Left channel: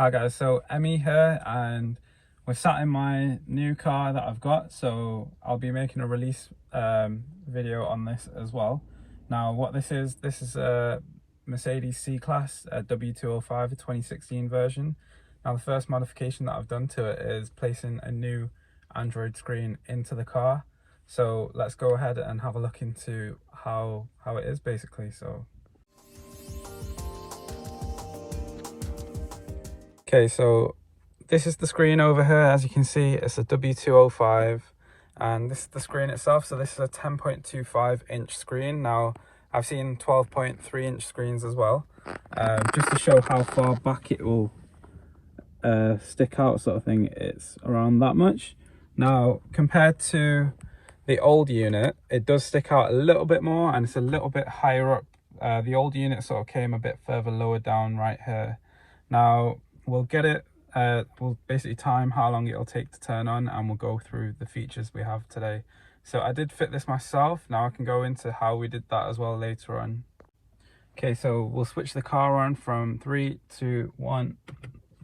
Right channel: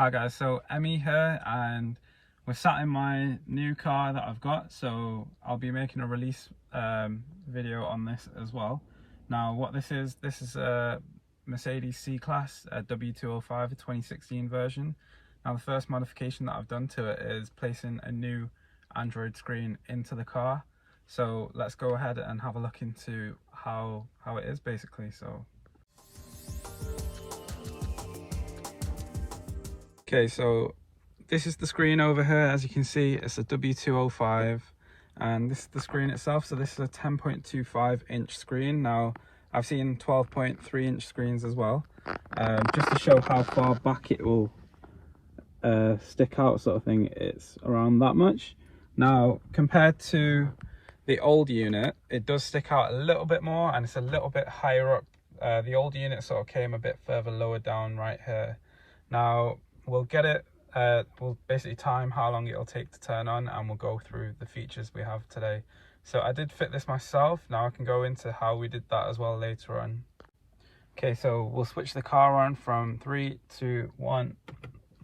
Hi guys, so Emmy here, and we're sat in my new car that I've got, so I'll be making a release video on this as well. Now what this is a Mercedes C-Class W205, a 2016 version. Now the first modification that I've done to it is placing a new Android screen into the car. So let's go ahead and have a look into how it is basically. Okay, so this is the screen over here. As you can see, it's a W205, and this is the screen itself. So this is a 10.25 inch screen. Now I've seen 12.3 inch screens as well, just to show how far back it will stick out, sort of thing. It's around that much. Now compared to the old unit, it does stick out a little bit more, and it's a little bit higher up. The old unit sort of came a bit further lower down right here. Now we'll get it, we'll basically time how long it'll take to turn on, and we'll go through the features we have today. So I did fit this myself. Now I can go into how we did that as well later on. Okay, so we'll switch the car on from 3, 2, 1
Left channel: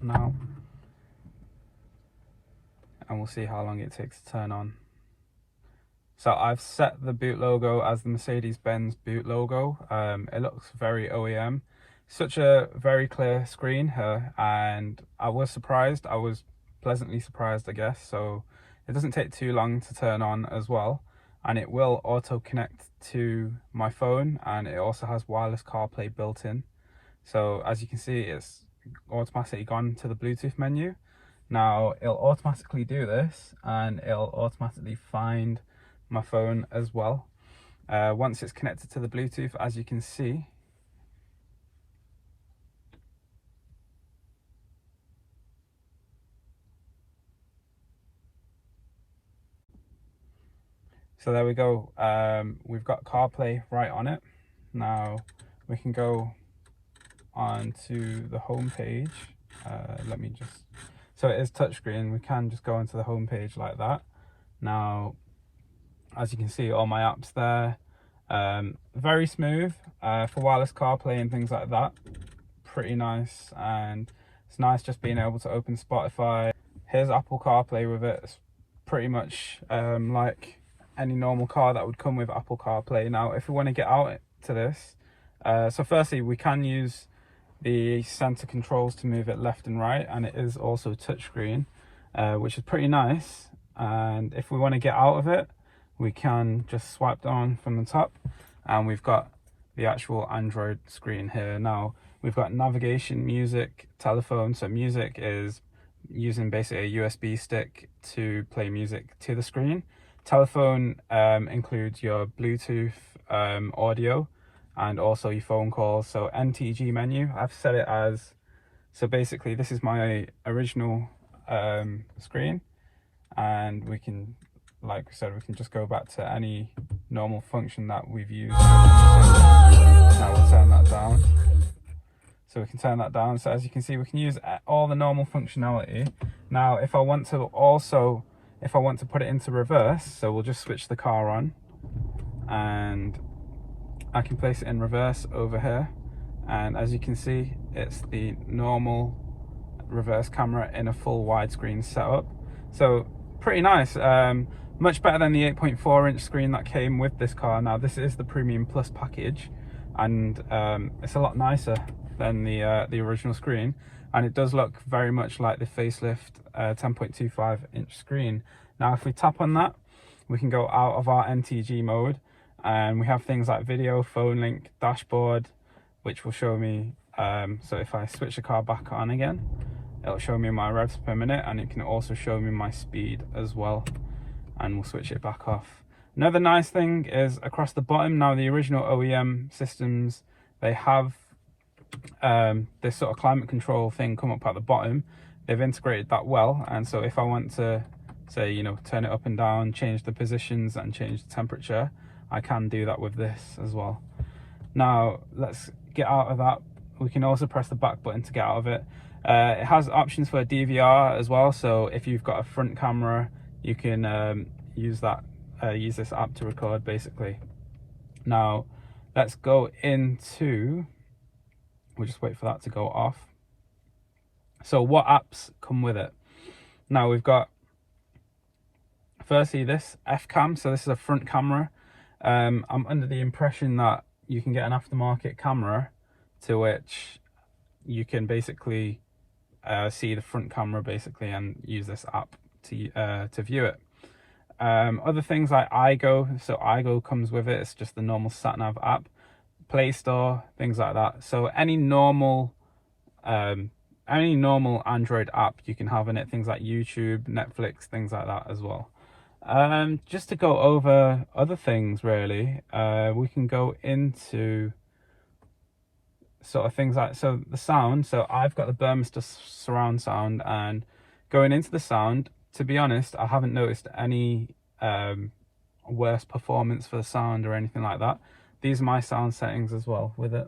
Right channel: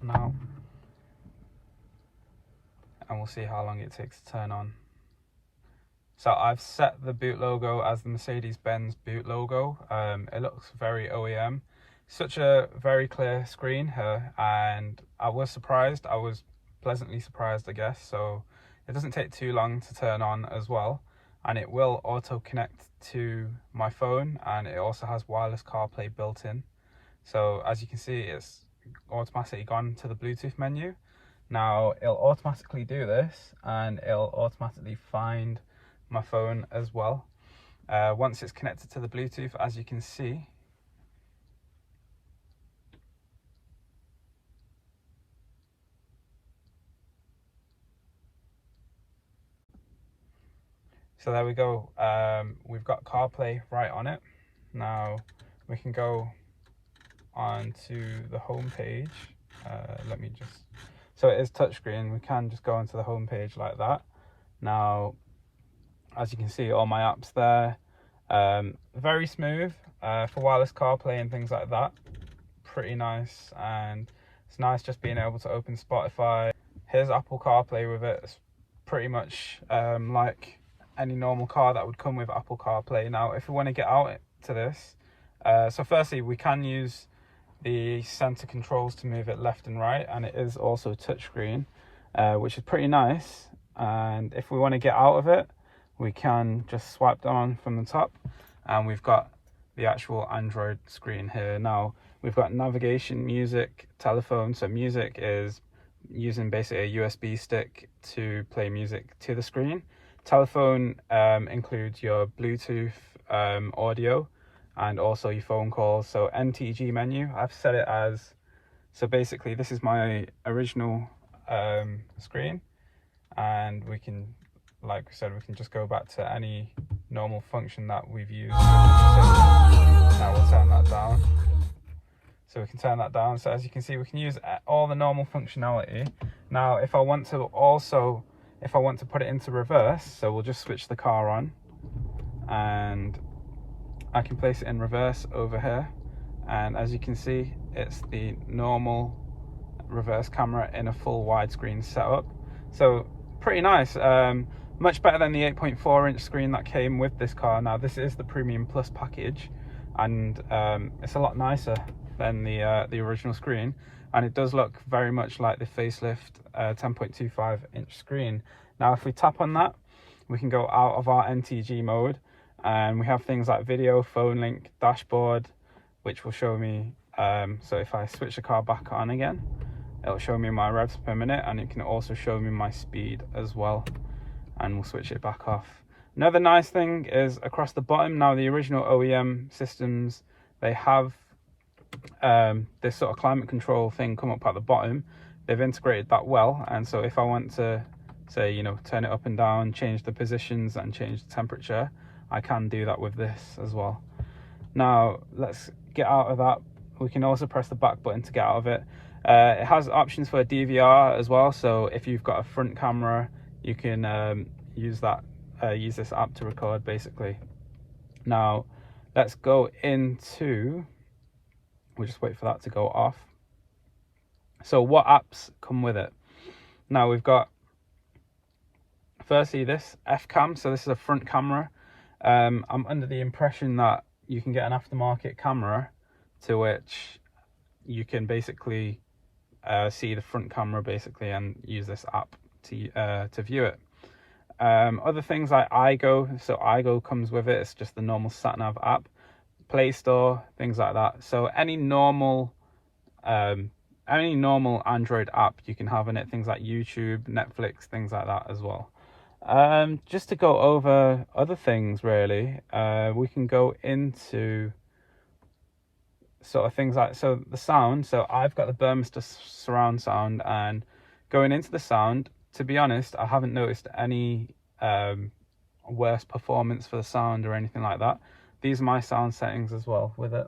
now, and we'll see how long it takes to turn on. So I've set the boot logo as the Mercedes-Benz boot logo. It looks very OEM. Such a very clear screen here, and I was surprised. I was pleasantly surprised, I guess. So it doesn't take too long to turn on as well, and it will auto connect to my phone, and it also has wireless CarPlay built in. So as you can see, it's automatically gone to the Bluetooth menu. Now it'll automatically do this, and it'll automatically find my phone as well once it's connected to the Bluetooth, as you can see. So there we go. We've got CarPlay right on it. Now we can go on to the home page. So it is touchscreen. We can just go into the home page like that. Now, as you can see, all my apps there. Very smooth for wireless CarPlay and things like that. Pretty nice, and it's nice just being able to open Spotify. Here's Apple CarPlay with it. It's pretty much like any normal car that would come with Apple CarPlay. Now if we want to get out to this, so firstly we can use the center controls to move it left and right, and it is also touchscreen, which is pretty nice. And if we want to get out of it, we can just swipe down from the top, and we've got the actual Android screen here. Now we've got navigation, music, telephone. So music is using basically a USB stick to play music to the screen. Telephone includes your Bluetooth audio and also your phone calls. So NTG menu, I've set it as, so basically this is my original screen, and we can, like I said, we can just go back to any normal function that we've used. Now we'll turn that down. So we can turn that down. So as you can see, we can use all the normal functionality. Now if I want to put it into reverse, so we'll just switch the car on, and I can place it in reverse over here, and as you can see, it's the normal reverse camera in a full widescreen setup. So pretty nice. Much better than the 8.4 inch screen that came with this car. Now this is the Premium Plus package, and it's a lot nicer than the original screen, and it does look very much like the facelift 10.25 inch screen. Now if we tap on that, we can go out of our NTG mode, and we have things like video, phone link, dashboard, which will show me, so if I switch the car back on again, it'll show me my revs per minute, and it can also show me my speed as well, and we'll switch it back off. Another nice thing is across the bottom. Now the original OEM systems, they have this sort of climate control thing come up at the bottom. They've integrated that well, and so if I want to, say, you know, turn it up and down, change the positions and change the temperature, I can do that with this as well. Now let's get out of that. We can also press the back button to get out of it. It has options for DVR as well, so if you've got a front camera, you can use this app to record basically. Now let's go into, we'll just wait for that to go off. So what apps come with it? Now we've got, firstly, this F-Cam. So this is a front camera. I'm under the impression that you can get an aftermarket camera to which you can basically see the front camera basically and use this app to view it. Other things like iGo, so iGo comes with it. It's just the normal sat-nav app. Play Store, things like that. So any normal Android app you can have in it, things like YouTube, Netflix, things like that as well. Just to go over other things really, we can go into sort of things like, so the sound. So I've got the Burmester surround sound, and going into the sound, to be honest, I haven't noticed any worse performance for the sound or anything like that. These are my sound settings as well with it.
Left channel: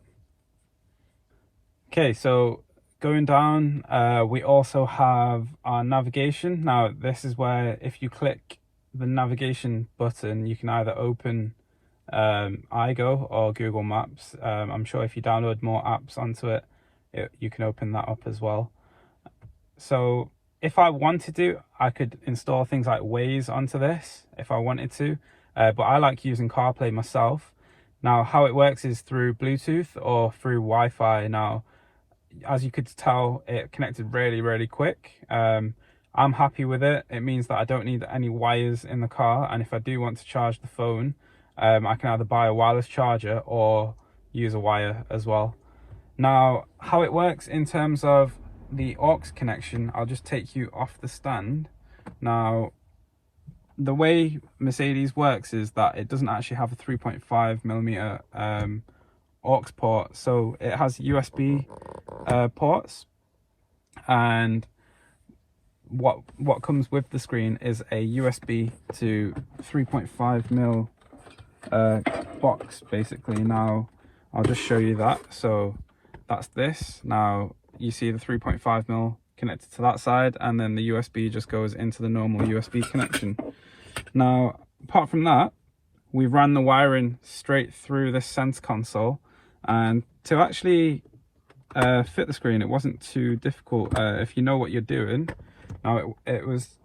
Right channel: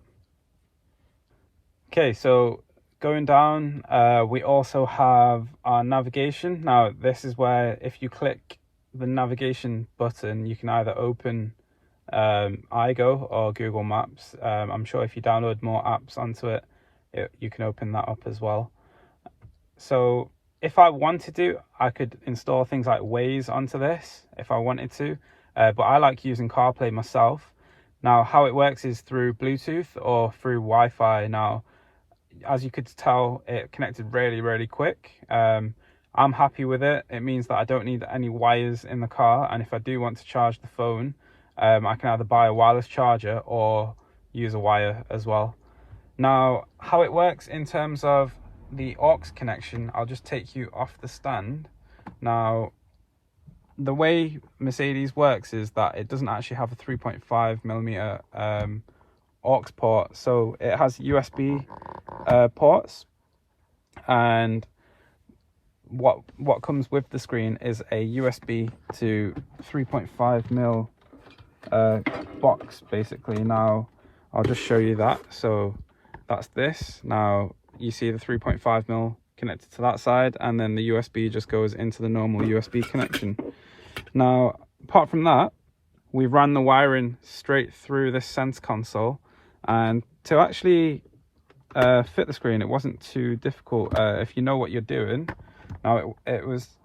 Okay, so going down, we also have our navigation. Now this is where if you click the navigation button, you can either open iGo or Google Maps. I'm sure if you download more apps onto it, you can open that up as well. So if I wanted to, I could install things like Waze onto this if I wanted to, but I like using Carplay myself. Now how it works is through Bluetooth or through Wi-Fi. Now as you could tell, it connected really quick. I'm happy with it. It means that I don't need any wires in the car, and if I do want to charge the phone, I can either buy a wireless charger or use a wire as well. Now how it works in terms of the aux connection, I'll just take you off the stand. Now the way Mercedes works is that it doesn't actually have a 3.5mm aux port, so it has USB ports, and what comes with the screen is a USB to 3.5mm box basically. Now I'll just show you that. So that's this. Now you see the 3.5mm connected to that side, and then the USB just goes into the normal USB connection. Now apart from that, we ran the wiring straight through this center console, and to actually fit the screen, it wasn't too difficult if you know what you're doing. Now it was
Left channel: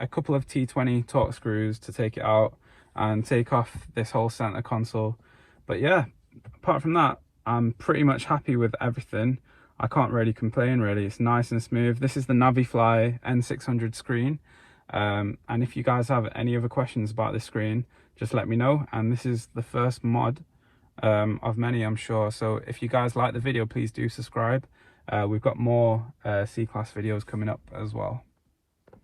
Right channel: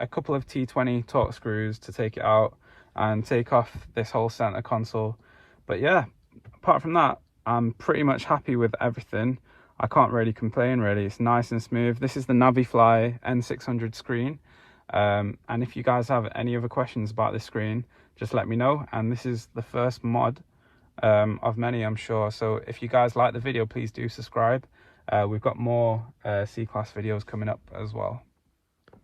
a couple of T20 Torx screws to take it out and take off this whole center console. But yeah, apart from that, I'm pretty much happy with everything. I can't really complain really. It's nice and smooth. This is the Navifly N600 screen, and if you guys have any other questions about this screen, just let me know. And this is the first mod of many, I'm sure. So if you guys like the video, please do subscribe. We've got more C-Class videos coming up as well.